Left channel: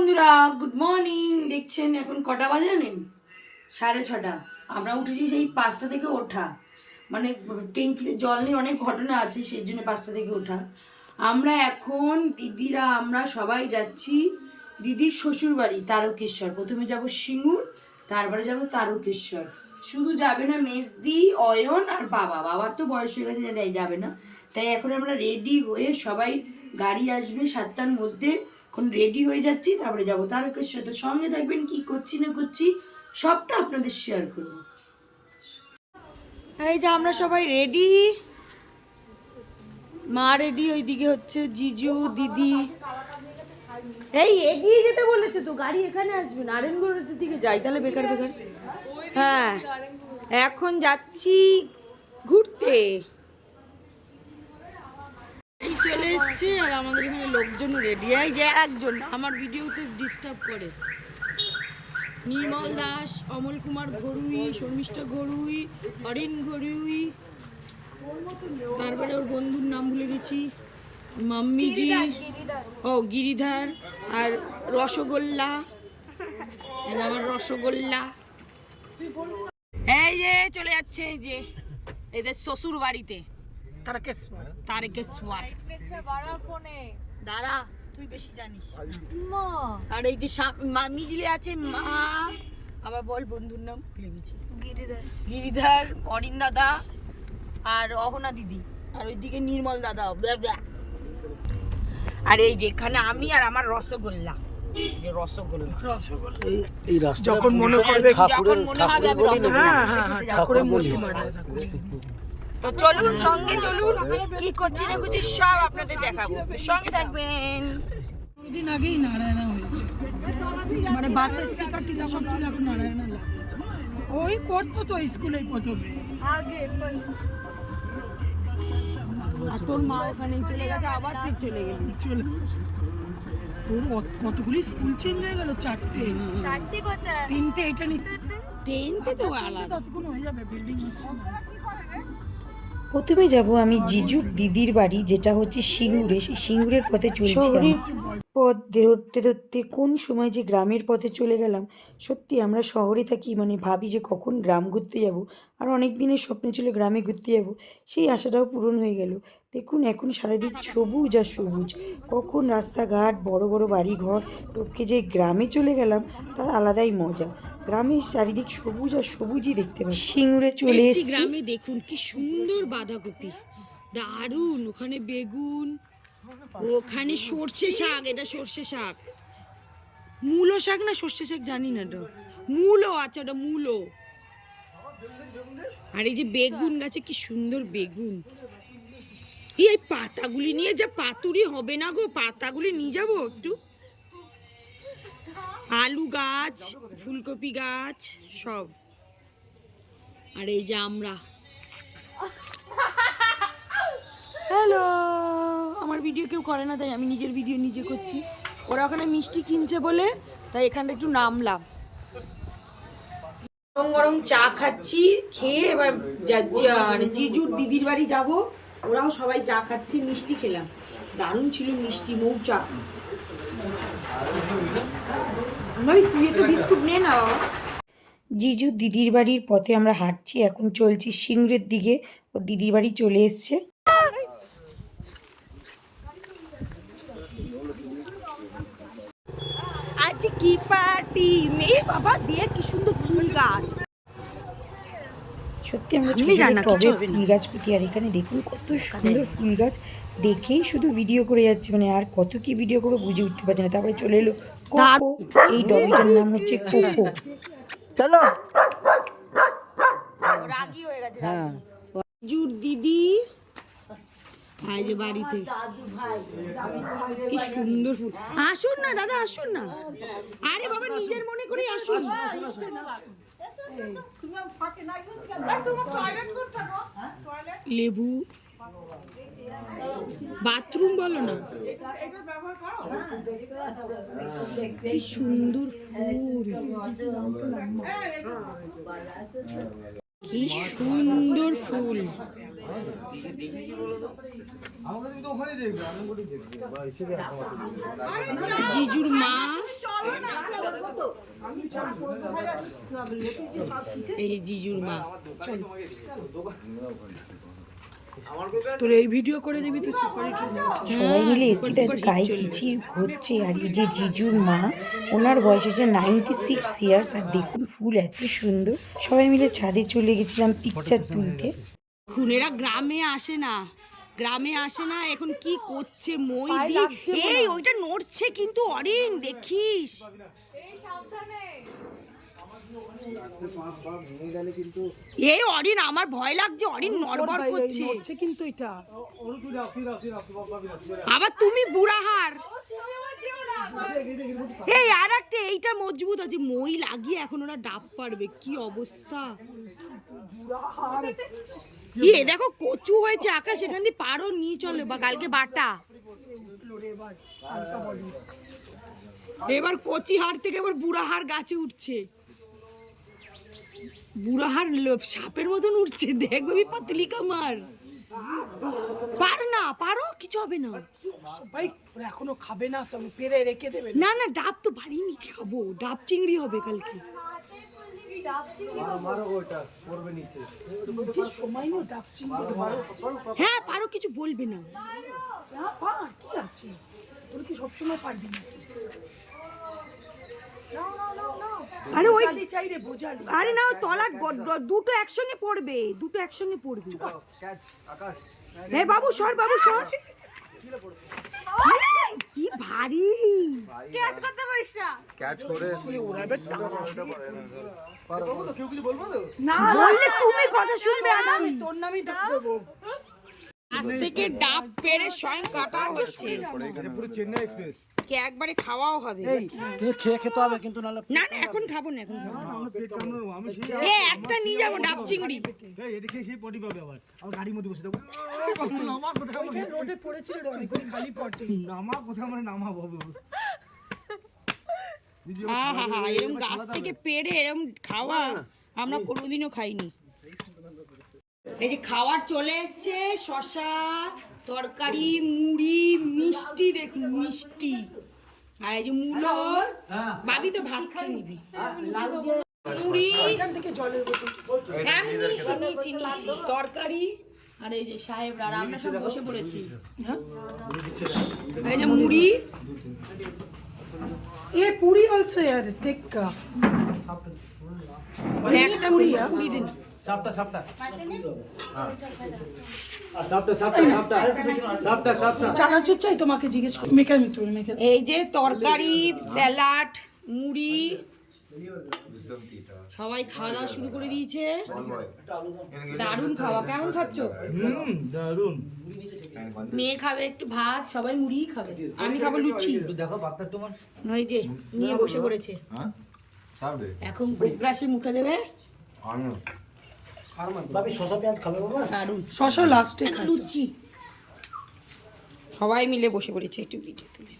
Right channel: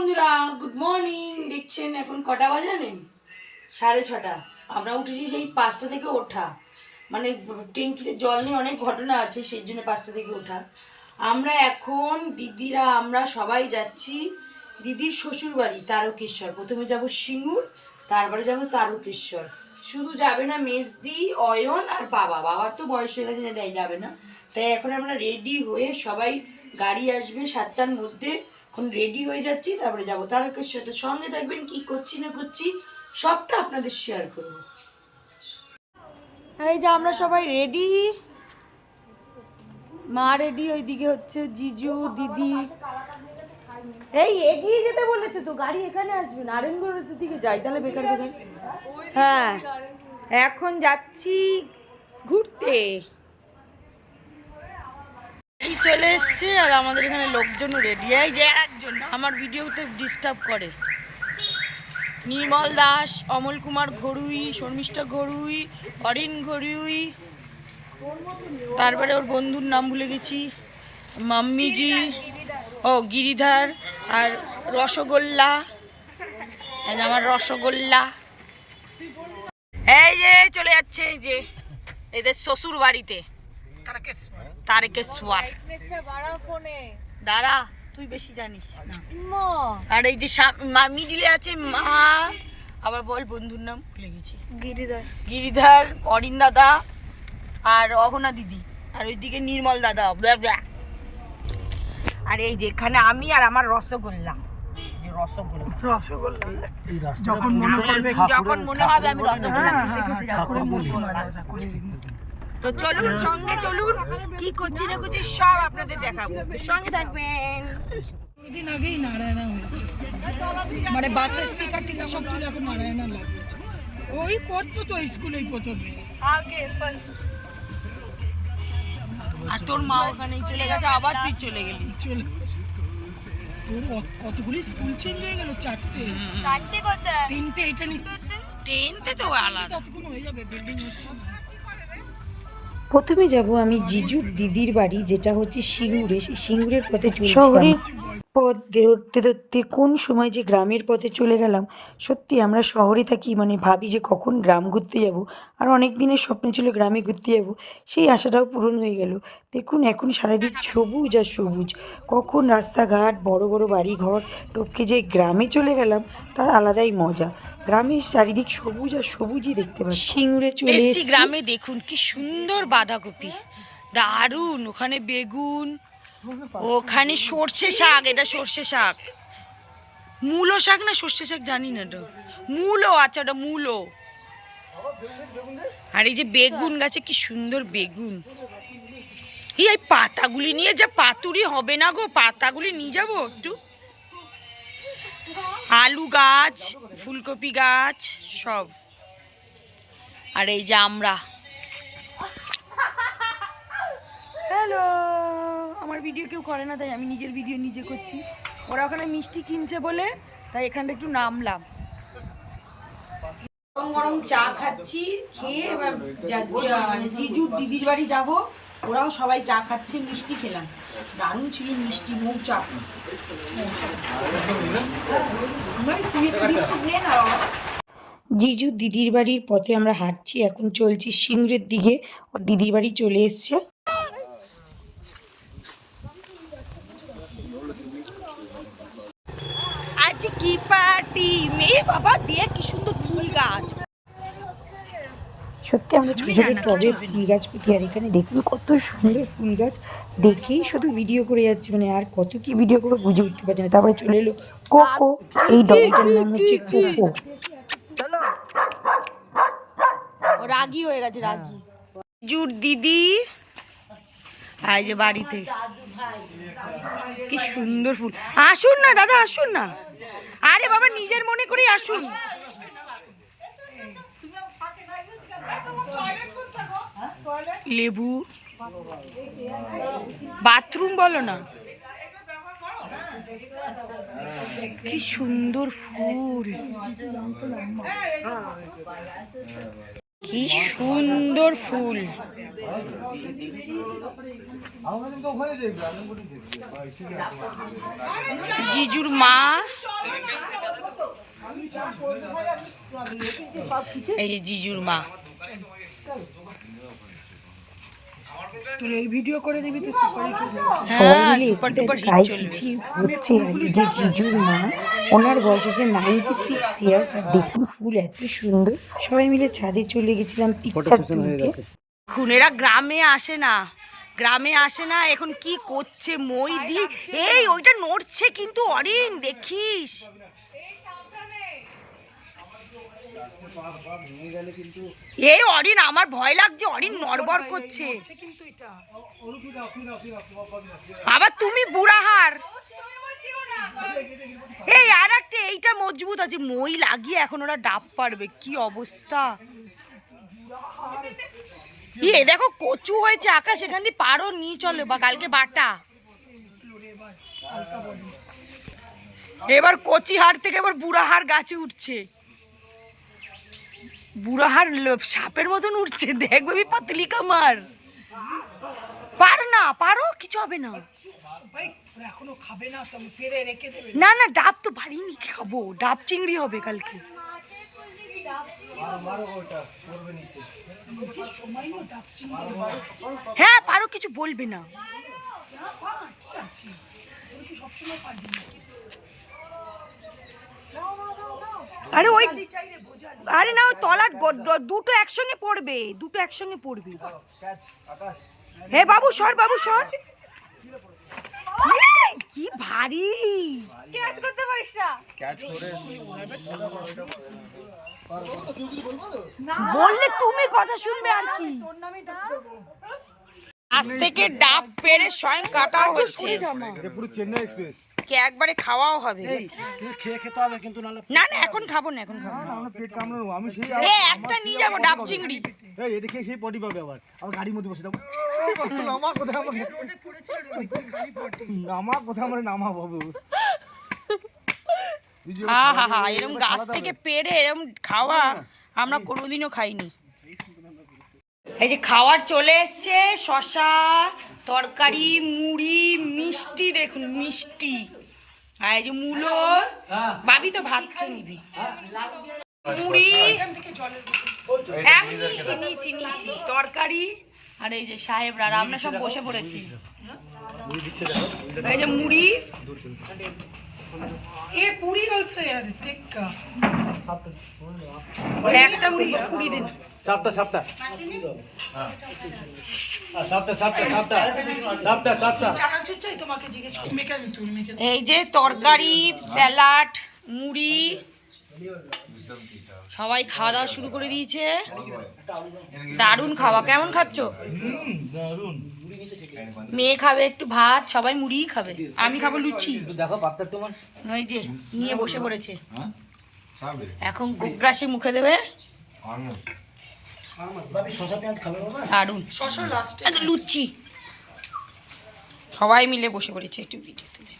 বন্ধুরা good morning দেখছেন এখন কটা বাজে জানেন? সাড়ে ছটা। আমরা উঠেছি সেই পাঁচটা থেকে ওঠা। মানে ট্যাঙ্কিতে জল নিয়ে অনেক ঘটনা আছে, সেই জন্য পাঁচটা থেকে ওঠা। আমরা এখন দিদিরা, আমরা সবাই যাচ্ছি দিদির শ্বশুর বাড়ি, তারকেশ্বর। প্রথমে যাব সিঙ্গুর, তারপরে যাব তারকেশ্বর। শুধু যাবে না মেজদি, অয়ন আর বাবা। বাবার তো বয়স হয়ে গেছে, তাই যাবে না। তাই এখন আমরা রেডি হয়ে সবাই গাড়ি আসবে সাতটার মধ্যে। এখন রেডি হয়ে যাচ্ছি, তারপরে যাব। তারকেশ্বর সাথে সঙ্গে থাকবেন, কি করছি না করছি, সবটা আপনাদের শেয়ার করব। এই যে আমরা সবাই রেডি মা রেডি ওইদিকে হচ্ছে জিজু, দিদি। এই এগিয়ে যেতে বলেছে তো, গাড়ি এখানে আসবে নারায়ণগড়ের দিকে যাই, তাহলে বেকার বেকার। হ্যাঁ এখন যাচ্ছি ঘুরতে। এই চলে এসছে, আর আমাদের এখানে লোকজন রেডি এই যে একজন, আমার ভিডিওতে ডিস্টার্ব করে। নির্মল দাস, অমল কুমার ঘড়ুই শর্মিষ্ঠা ঘড়ুই অরিন ঘড়ুই তারপরে ওর বন্ধুর নাম ভুলে গেছি। মাম্মিজি, ও গিরিধার, আর রসগোল্লা। আমার রসগোল্লা। এই যে, চলে যাচ্ছে যে, এদের শ্বশুর বাড়িতে তারকেশ্বর দাঁড়া তুই বেশি জানিস। আর এই যে মিডিলে আছে মা। আবার বল বন্ধুর নাম ভুলে গেছি। গিরিধার। অরিন দাদা আর অহনা দিদি। আর ওইদিকে নির্মল দাদা। আর এই যেখানে আমি আর আমার রসগোল্লা। যে রসগোল্লা। যখন মনে করবে যখন মনে হবে আমি রসগোল্লা। ঠাকুরের মূর্তি মানে ঠাকুরের তো চলুন সঙ্গে চলুন। কি করছি না করছি সব আপনাদের দেখাবো। সঙ্গে থাকবেন। দিন আগেই নারায়ণা হয়েছে। মানে বাসের স্টিকার টিকার সব তুলে এখন নারায়ণা লাগিয়েছে ওই করতো তো স্কুলেই প্রথমে। আর তোর মা ওখানেই চলে গেছে আবার তুই চলে গেলি। চলে তোর কতগুলি স্কুল চেঞ্জ হয়ে গেল? চারটে। তিনটে এটা নিতে ট্রেনতে তো আলাদা। ততক্ষণ হয়ে যাবে বিল্ডিং হচ্ছে না। প্রথমে যাব আমি জিজুর দিদির বাড়ি যেটা হচ্ছে সিঙ্গুরে। সেই সিঙ্গুরের পথে চলছি পথ ধরতে ধরতে কোন সময় যে গ্রামের পথে চলে গেলাম সত্যি আমরা শহরে থাকি মানে ভাবি যে কখন গ্রাম ঘুরতে যাব। আর অনেক দিনের স্বপ্ন ছিল গ্রামে ঘুরতে যাব। সেই আশাটাও পূরণ হয়ে গেল। দেখুন এখন সারাদিন সবুজ আর সবুজ। কখন রাস্তাঘাট বড় বড় বাড়ি ঘর টপকে যে গ্রামে চলে গেলাম তার আলাদাই মজা। গ্রামের চারিদিক সবুজ আর সবুজই দেখতে পাচ্ছি। সিঙ্গুরে চলে এসছি এসেছি। গ্রামে দেখুন কি সুন্দর বাঁধাকপি। দারুণ ওখানে বেগুন ওখানে সর্ষে শাক এটা সর্ষে শাক। মূলো শাক না সর্ষে শাক জানি না তো। মূলো আচ্ছা ওটা মূলো। আর এই যে বেগুন গাছে কি সুন্দর বেগুন। এই এই পাতাগুলি নিয়ে যা পাতুরি হবে না গো পাতাগুলি নিয়ে যাব একটু। আলু গাছ ফুলকপি গাছ সব। আর এই যে আমরা। হ্যালো আমার ভিডিও কেউ করে না তাই আমি নিজের ভিডিও নিজে করছি। ওরা ওখানে মিষ্টি কিনছে বলে তাই এখানটা একটু নামলাম। গরম গরম চা খাচ্ছি খেয়ে এবার মানে জিজুর দিদির বাড়ি যাব। ওরাও সবাই চা খাচ্ছে মিষ্টি খেলাম। দারুণ ছিল মিষ্টি মুখ চাপ। জিজু দিদির বাড়ির পথে আমরা হাঁটছি এখন চলছি সিংড়ের দিকে। ও দিদির বাড়ি চলে এসছে। আজ কি পার্টি? মে বাবা দিয়ে কি সুন্দর ফুল গাছ। সত্যি আমরা ছোট ছোট টবে ফুল গাছ পুঁতি আর এখানে দেখুন কত সুন্দর ফুল গাছ। দেখেই শুধু ভিডিও করে যাচ্ছে মানে আর কত কি ভিডিও করে বুঝে উঠতে পারছে না। তারপরে চলে এলো কোকো এই ডগটার নাম হচ্ছে কোকো চলো। রাগি হয়ে গেছে রাগি। জুর দিদি। আই যে বাড়িতে। কি সুন্দর ফুল। আসুন না দাদা আসুন না। আরে বাবা নিজের মনে করে আসুন। লেবু। বাথরুম বলো না। কি সুন্দর ফুল। কি সুন্দর ফুল। জিজুর মা। এই জিজুর মা। তোর এই ভিডিও করে দিবি তো সুপার হয়ে। সবাই মিলে এসছি গায়ে চলবে। পিছিয়ে হচ্ছে আর এই যে জিজুর মা ওনার বয়স হচ্ছে নাইনটি সিক্স ইয়ার্স আর দেখুন ফুল এত সুন্দর। সবাই মিলে ছাদে চলে গেছিলাম পিকচার তুলতে। খুনেরা গ্রামে আসে না গ্রামে আসে না এখন কি করছে মই দি এই ওইটা নড়ছে কিন্তু অরিন দেখিস। এই অরিন আমার ভয় লাগছে অরিন নড়বড় করছে। কিন্তু এটা। আবার তুমি বুড়াহার। এই আর একটা এইটা মজবুত আছে মই লাগিয়ে এখন ওরা ডাব পারবে কি অবস্থা? ইয়ে দেখো কচু হয়েছে আকাশ এখান দিয়ে পারো নিয়ে চলো বা কালকে বাটা। এবার কচি হাড় থেকে এবার বুড়া হাড় গাছে উঠছে। বুড়া হাড় লো- সাপের মতন উঠছে দেখবে পাতলি কামার। পারো না পারো কিছু হবে না। এখনও খাবে না তো পেরে রেখে দেবে না। না ডাব তো পারিনি খাব? ডাব চিংড়ি হবে কালকে। হ্যাঁ পারো কিছু বলবে না। হ্যাঁ, সবসময় পারবি না? আরে ওই আরে না তলার দুটো একসঙ্গে পড়বে দুটো একসঙ্গে পড়বে। হে বাবু সর বাবু সর। কি ভারী। বললে তুমি কথা শুনবে আর কি। আজ থেকে ডাব পেরে স্বয়ং কাটাও হচ্ছে। পুরো চেন্নাই এক্সপ্রেস কে একবারে খাওয়াও হবে। কিন্তু খেয়ে খেতে হবে কিন্তু নাহলে না না এখন খাব না এখন খাব না। পেট কামড়ানো আমি সেই এ একটা নিয়ে যাব ডাব চিংড়ি। এই এদিকে সেই পটি পাবে আবার। আমার গাড়ির মধ্যে বসে থাকব আমার কোথায় আমার রোডে পড়েছিল রে অনেকক্ষণ খালি পটে। আমার কোথায় আমার নামা বাবু? হা হা হা এরকম গাছ থেকে পেড়ে এরকম খাওয়া আমরা কোনোদিনও খাইনি। এই যে খাবার চলে এসছে শশা তরকারি মুড়ি মিষ্টি দেখুন মিষ্টি। আর এই যে ভাবি তো ভাত খেয়ে নিবি। মুড়ি হ্যাঁ চিনি চিনি নিয়েছি তরকারি, আর এই সাহেবরা আমরা সব বসে পড়েছি। এই মুড়ি এ পুরি অলসো यार টিক্কা। একটা মুড়ি কুড়ি। দিন। সাপটা সাপটা। সাপটা সাপটা সাপটা। সাপটা সাপটা। চানাচুর চাই তোমাকে জিজ্ঞেস মেখে আমি মেখে এই যে তরকারি স্যালাড মুড়ি সবাই খাওয়া দাওয়া শুরু করে দিয়েছে। দারুণ খাওয়া। কেমন খাচ্ছ? দারুণ মেয়ে খাবে একটু ভাত সবাই মুড়িই খাবে। আমি খাব লুচি। দেখো ওই যে নিয়ে বসে পড়েছে। হ্যাঁ? এখন গোগ্রাসে মুখে দেবে। শশা লাস্টে লুচি। সবাই মিলে বসে পড়েছে একটু ভিডিও তুলে।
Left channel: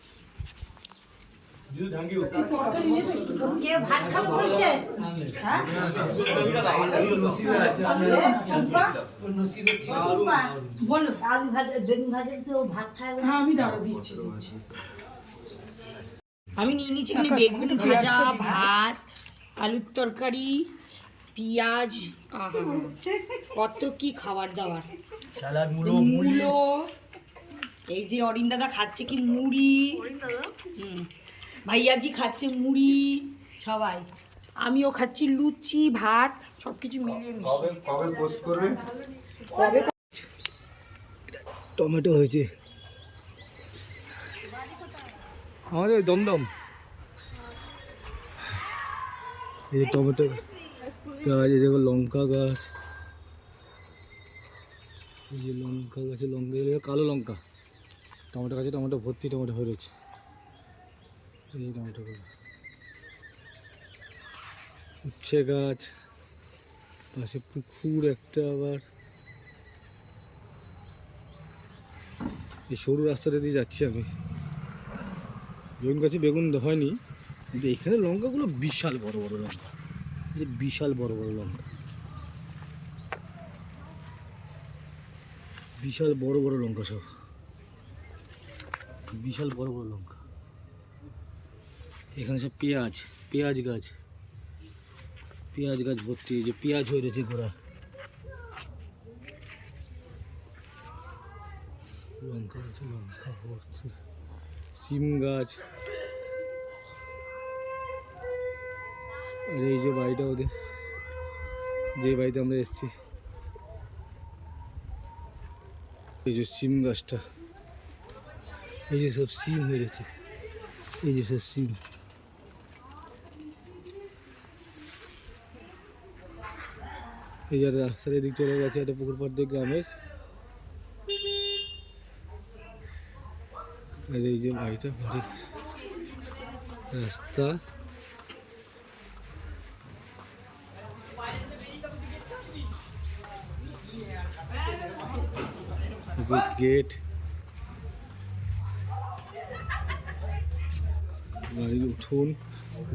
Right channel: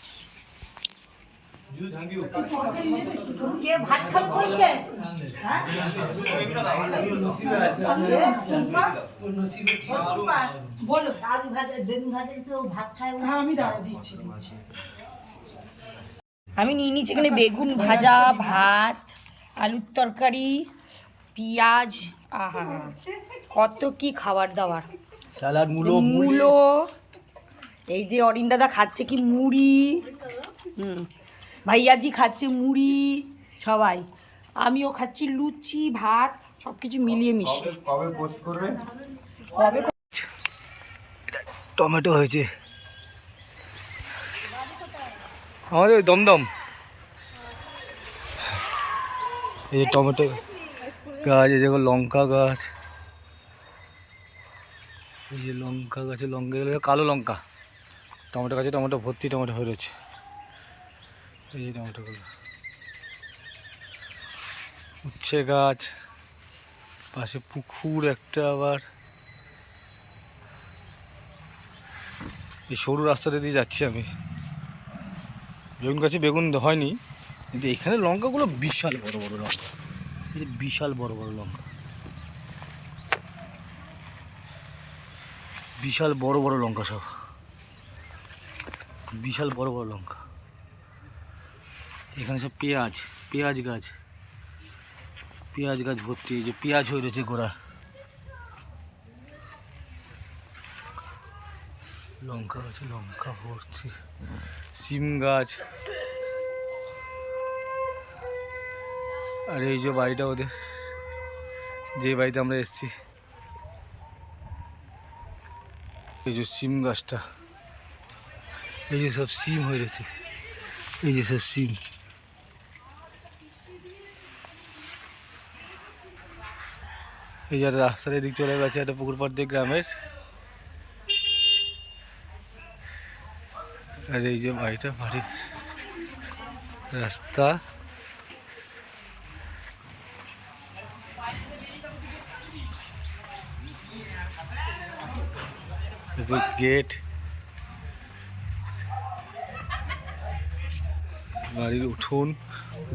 বলো আলু ভাজা বেগুন ভাজা তো ভাত খায় হ্যাঁ আমি দাঁড়া দিচ্ছি দিচ্ছি আমি নিয়ে নিচ্ছি এখানে বেগুন ভাজা ভাত আলুর তরকারি পেঁয়াজ আহা কত কি খাবার দাবার। মূলো এই যে অরিন দাদা খাচ্ছে কি মুড়ি। হুম। ভাইয়াজি খাচ্ছে মুড়ি সবাই। আমিও খাচ্ছি লুচি ভাত সব কিছু মিলিয়ে মিশিয়ে। কবে কবে পোস্ট করবে? কবে টমেটো হয়েছে। আমাদের ওই দমদম। এই যে টমেটো গাছ এই দেখো লঙ্কা গাছ। এই যে লঙ্কা গাছে লঙ্কা কালো লঙ্কা। টমেটো গাছে টমেটো ভর্তি টমেটো হয়ে রয়েছে। এই যে টমেটোগুলো উচ্ছে গাছ, পাশে পুকুর একটা আবার। এই সরু রাস্তাটা দিয়ে যাচ্ছি আমি। বেগুন গাছে বেগুন হয়নি, কিন্তু এখানে লঙ্কাগুলো বিশাল বড় বড় লঙ্কা। এই বিশাল বড় বড় লঙ্কা। বিশাল বড় বড় লঙ্কা সব। বিশাল বড় বড় লঙ্কা। এখানে সব পেঁয়াজ পেঁয়াজ গাছ। পেঁয়াজ গাছ ভর্তি যে পেঁয়াজ হয়ে রয়েছে গোড়া। লঙ্কা গাছে, লঙ্কা ভর্তি। সিম গাছ। আর এই যে বাড়িটা ওদের, যে বাড়িতে আমরা এসেছি। এই যে সিম গাছটা। এই যে সব সিম হয়ে রয়েছে। এই যে সব সিম এই যে রাস্তার এদিক চলে গেছে, একটা পুকুর পাড় দিয়ে গ্রামের। আর এই যে বাড়িটা, বাড়ির রাস্তা। গেট। বাড়ির উঠোন,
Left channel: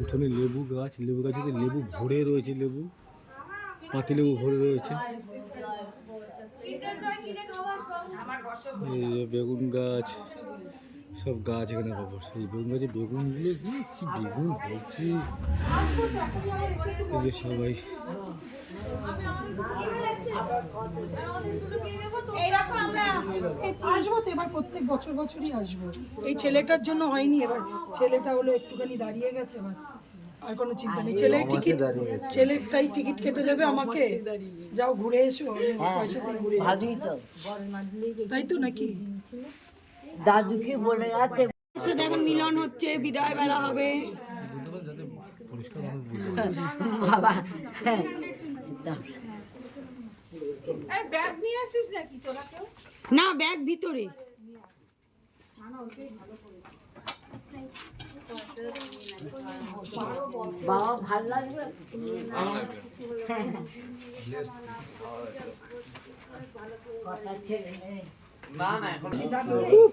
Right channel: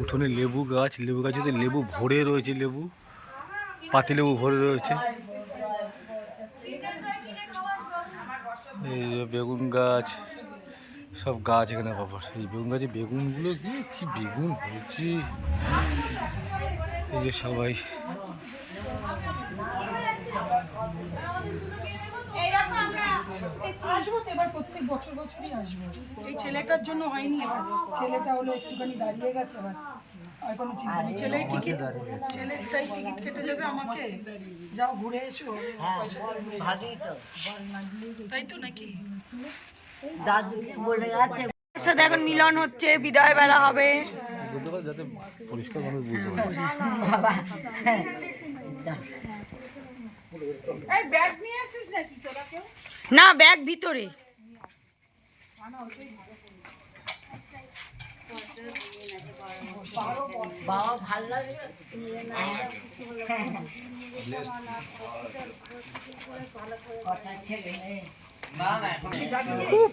উঠোনে লেবু গাছ। লেবু গাছে লেবু ভরে রয়েছে, লেবু। পাতিলেবু ভরে রয়েছে। এই যে বেগুন গাছ, সব গাছ এখানে পাবো এই বেগুন গাছে বেগুনগুলো কি বেগুন হয়েছে এই যে সবাই। এবার প্রত্যেক বছর বছরই এই ছেলেটার জন্য হয়নি, এবার ছেলেটা হলো একটুখানি দাঁড়িয়ে গেছে, বাস। আর কোনো চিন্তা নেই। ছেলে টিকিট ছেলেটাই টিকিট কেটে দেবে আমাকে। যাও ঘুরে এসো পয়সা দিয়ে ঘুরে এসো। ভালোই তো। তাই তো নাকি? দাদুকে বলে এর সাথে এখন মিলন হচ্ছে বিদায় বেলা হবে। বাবা না ব্যাগ ভিতরে। বাবা ভালো লাগবে খুব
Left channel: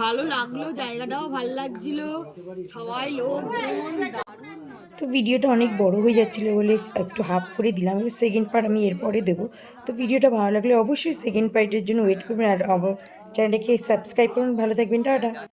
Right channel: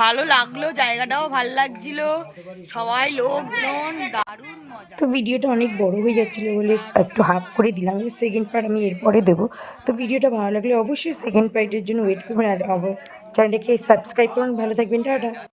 ভালো লাগল জায়গাটাও ভালো লাগছিল সবাই লোকজন দারুণ তো ভিডিওটা অনেক বড় হয়ে যাচ্ছিল বলে একটু হাফ করে দিলাম এবার সেকেন্ড পার্ট আমি এরপরে দেবো। তো ভিডিওটা ভালো লাগলে অবশ্যই সেকেন্ড পার্টের জন্য ওয়েট করবেন আর চ্যানেলটাকে সাবস্ক্রাইব করুন ভালো থাকবেন টাটা।